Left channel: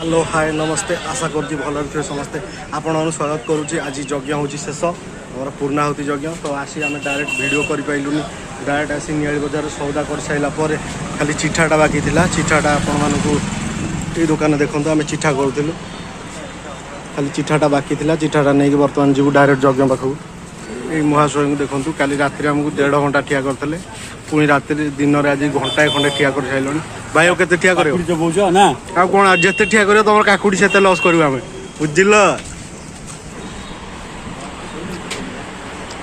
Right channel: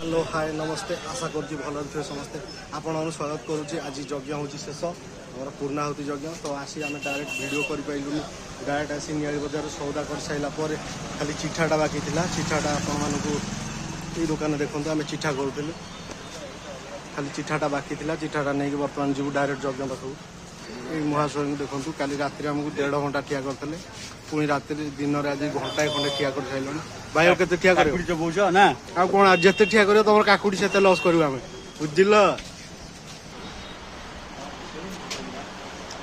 hello hi नमस्ते आशा करुँच भल थे समस्ते आपण स्वागत करुँच आज यज्ञ हूँ शेष आम पूर्णाहुति यज्ञ तो आसी आम डायरेक्ट वीडियो करूँ डायरेक्ट आसी नियाली बजार सौदा कर सारापर खाली चिठाटा बाकी था चिठाटा आपण ये दुकान देखो आम चिठा करूँ खाली चिठाटा बाकी था चिठाटा नहीं बर्तमान जीव डायरेक्ट यज्ञ पाखक ये महाशय को देखूँ काली राति आमको 1.5 घंटा ठिया करते पुणी राति दिन में आज घंटाए खंडे ठिया कर सारे भाई के ठिया कर कौन जिते ठिया कर तुम काकुड़ी से लस कर बुझल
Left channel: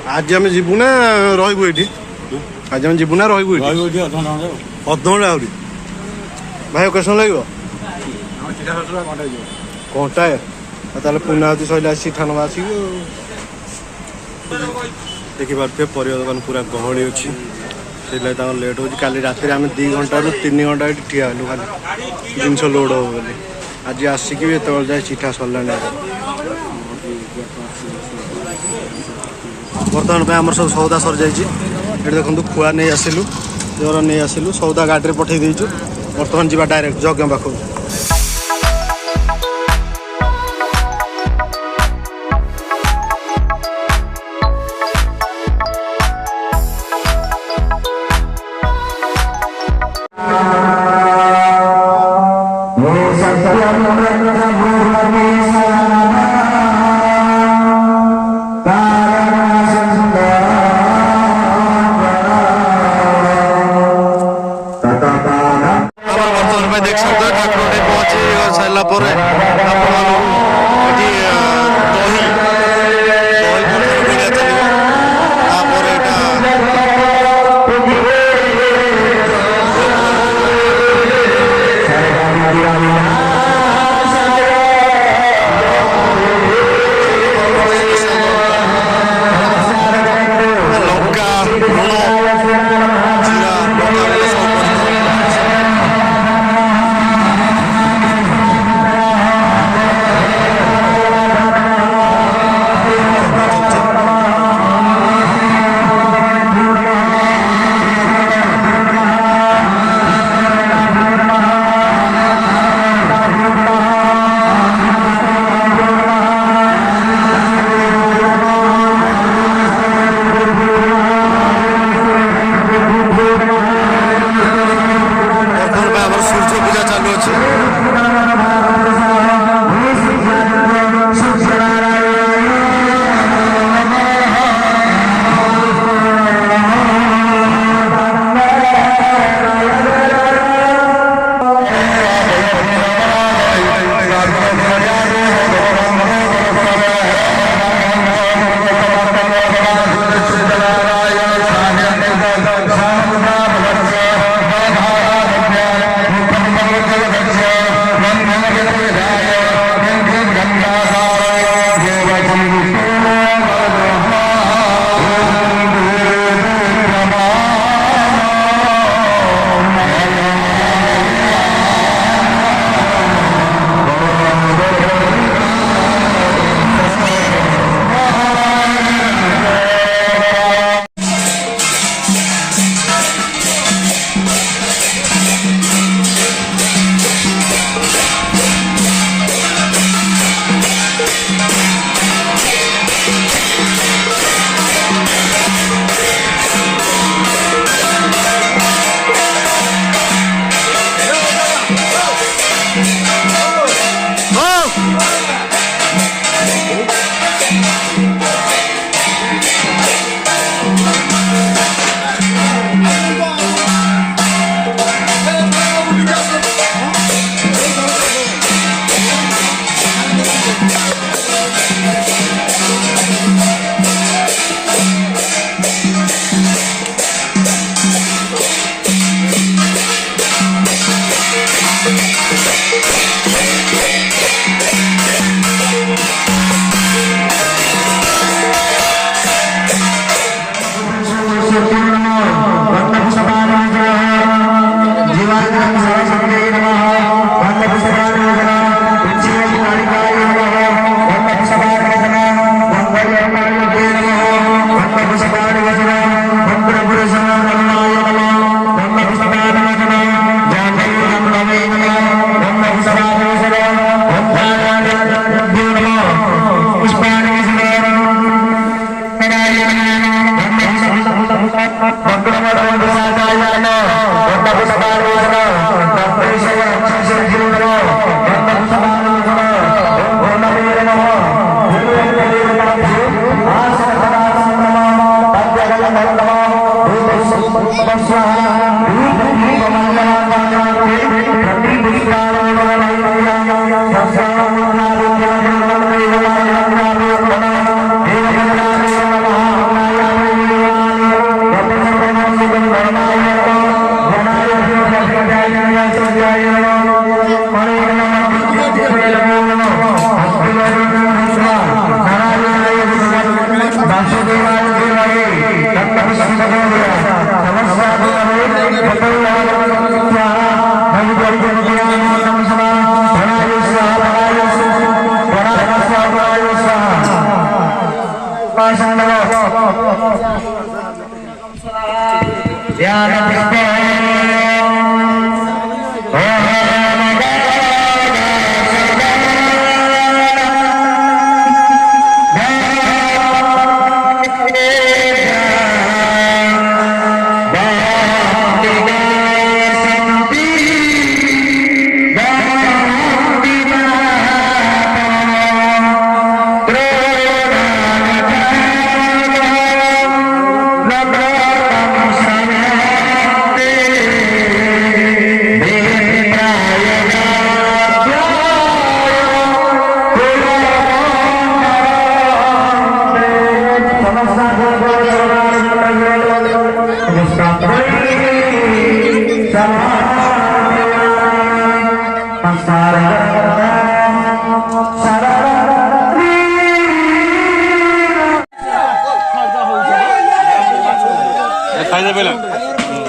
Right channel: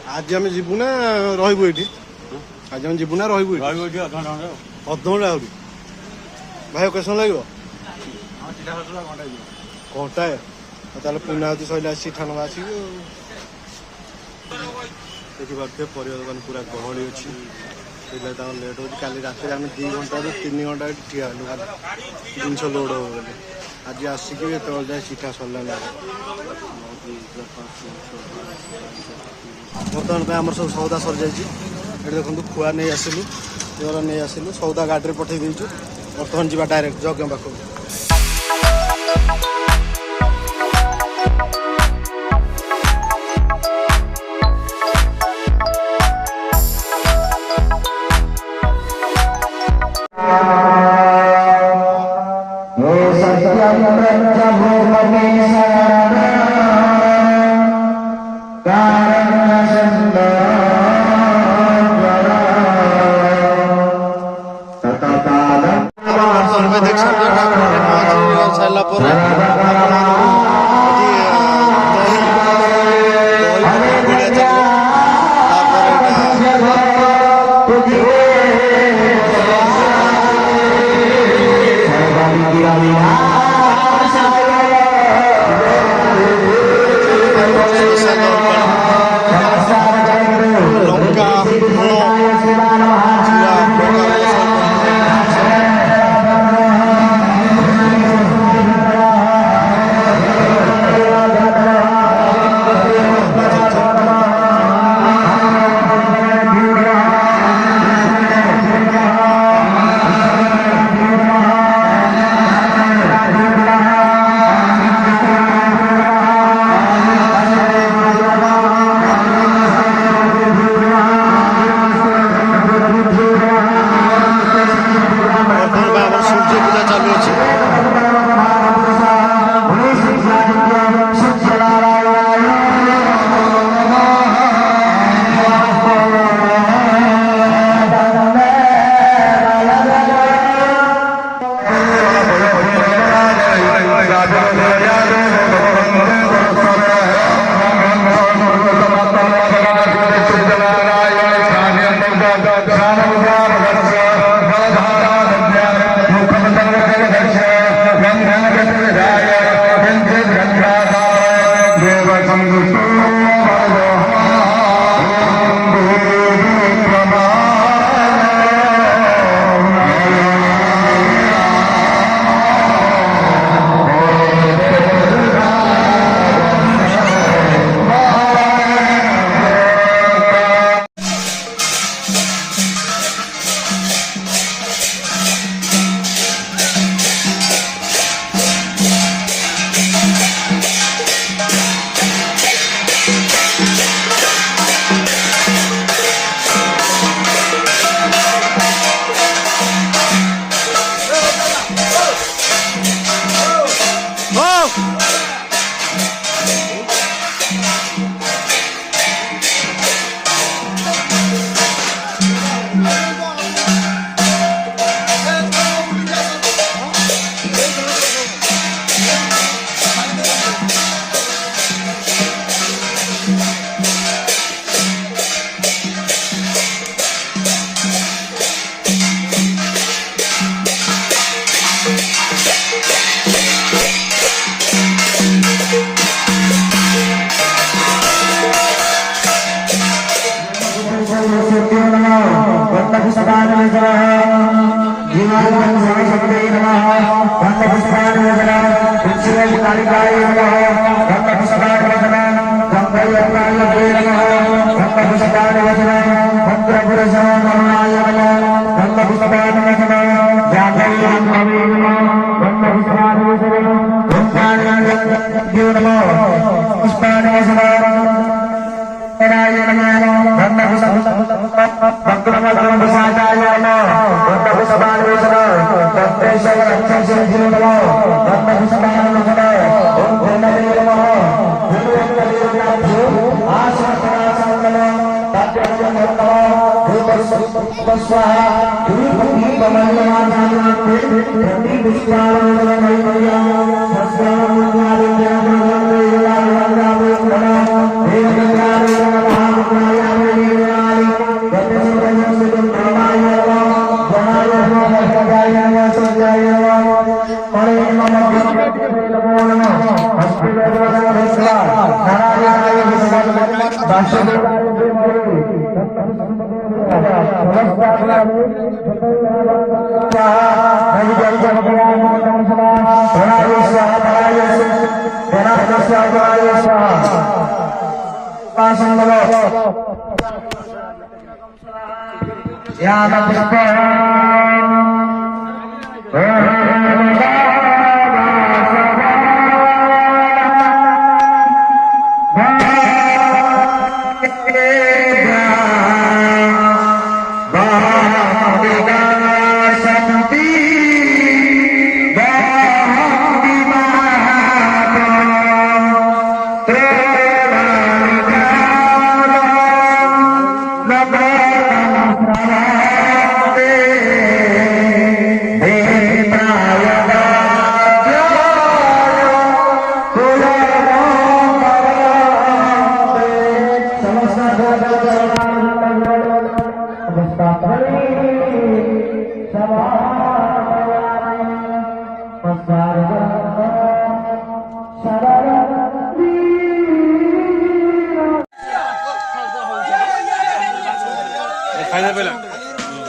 आज आम जीवु ना रही ये आज आम जीवु ना रही अधघंटा आहरी भाई केस लगे घंटाए ताले पुण्यावती सैला चिठा नवा आसिक देखिपे पर दुकान पूरा गहली अच्छी से लेट हो काली राति आम 2 घंटा रू 3 घंटा ठिया हलु खाली जिनस लोड हो बोली आज आसिक भी ये जाए चिठा सरला बर्तमान आम सब सौदा सर जाइए देखो खुआ नहीं आसिलु जोर नहीं आसिलु सौदा गाड़ी में पठे देचु बर्तमान जा डायरेक्ट यज्ञ पाखक देख सकते ठाकुर पहुंची सारा दही दही चलो Brahma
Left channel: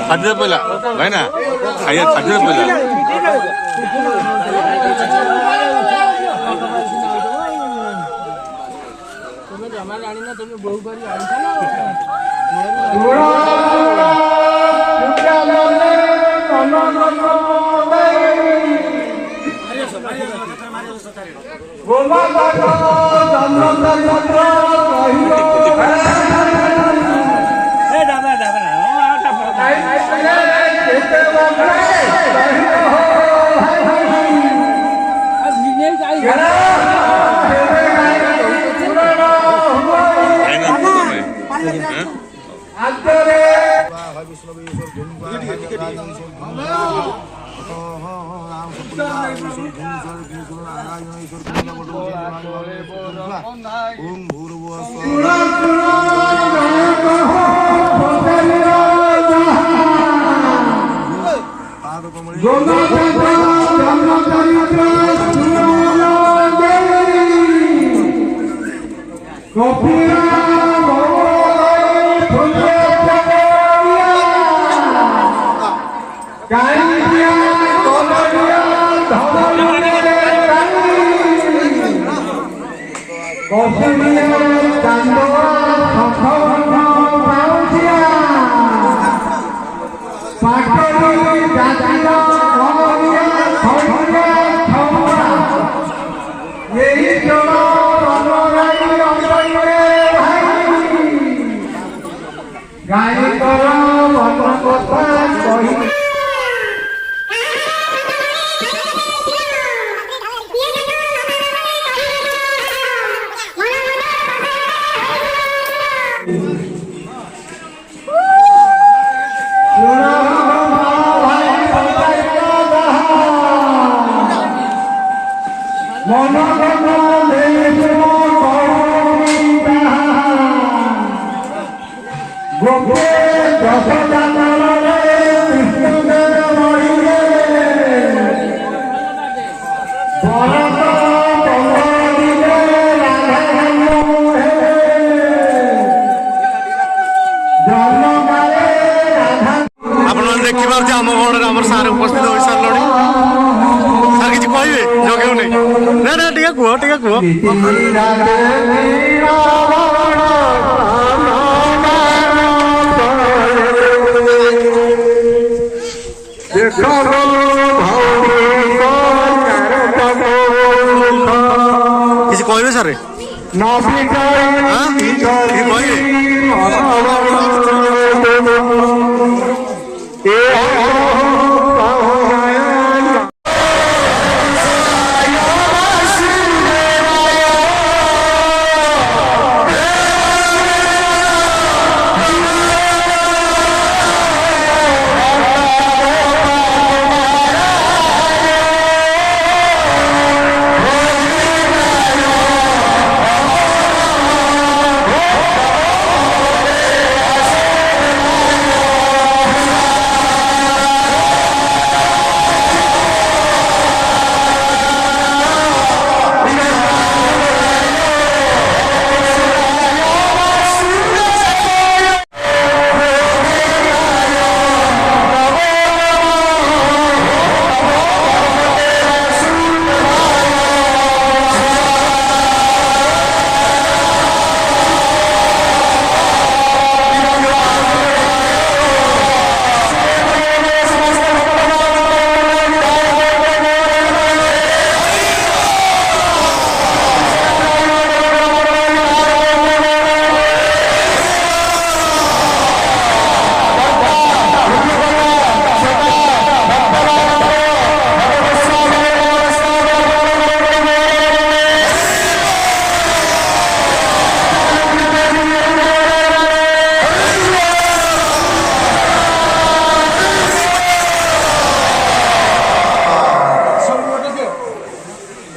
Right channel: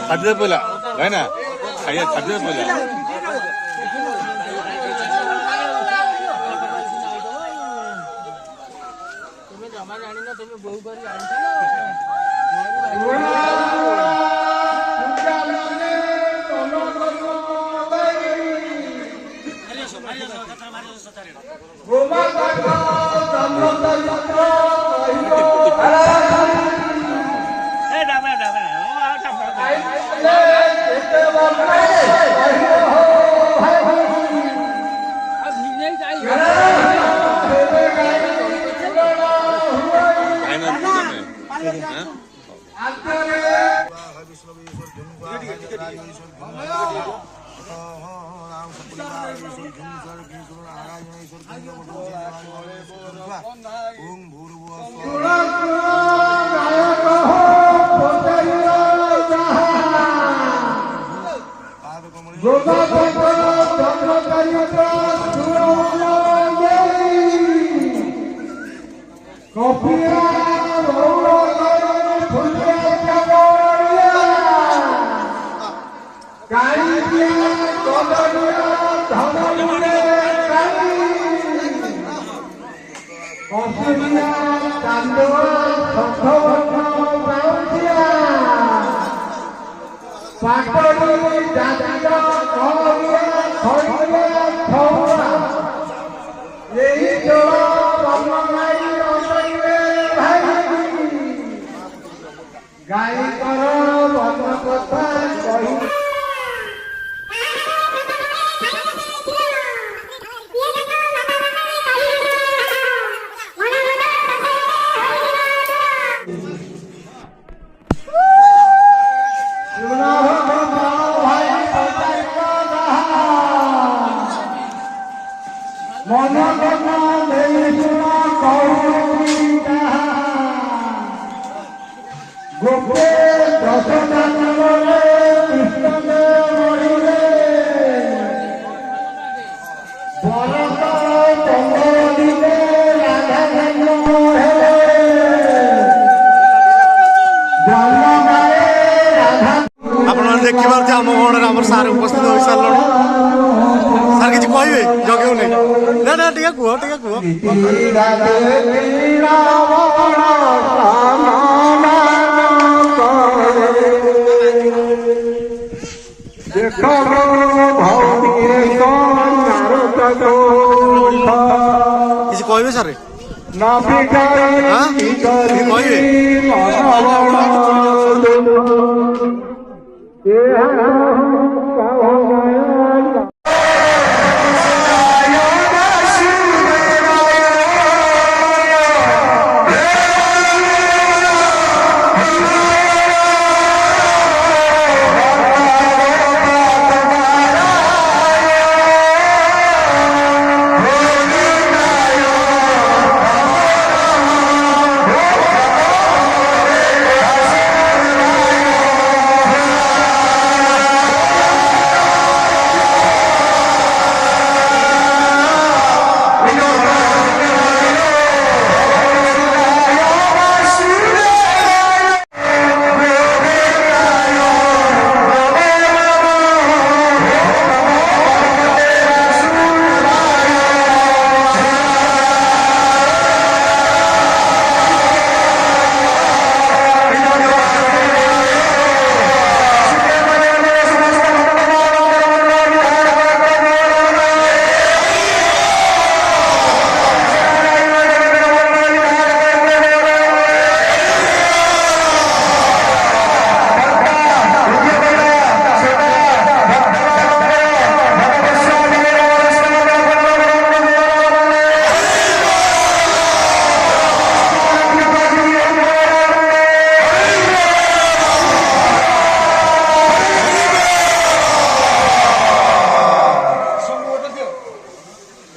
खाद्य पहिला भएन खाद्य पहिला ओम भूर्भुवः देखिए आम गढ़ आम सार उपस्थित हो सारे सार कि कहे जगे नहीं ना ना टे कह टे कह किसी कहे सारे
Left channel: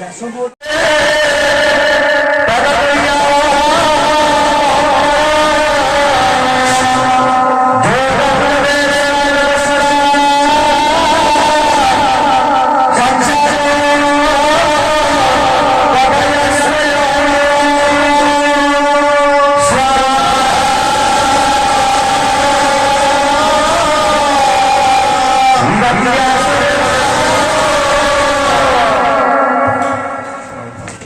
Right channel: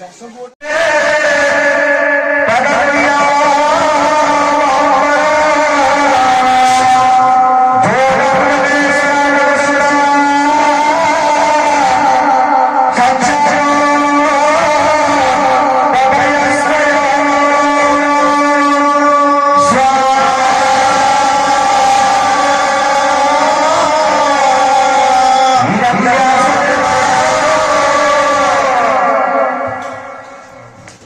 ବ୍ୟାସପୁର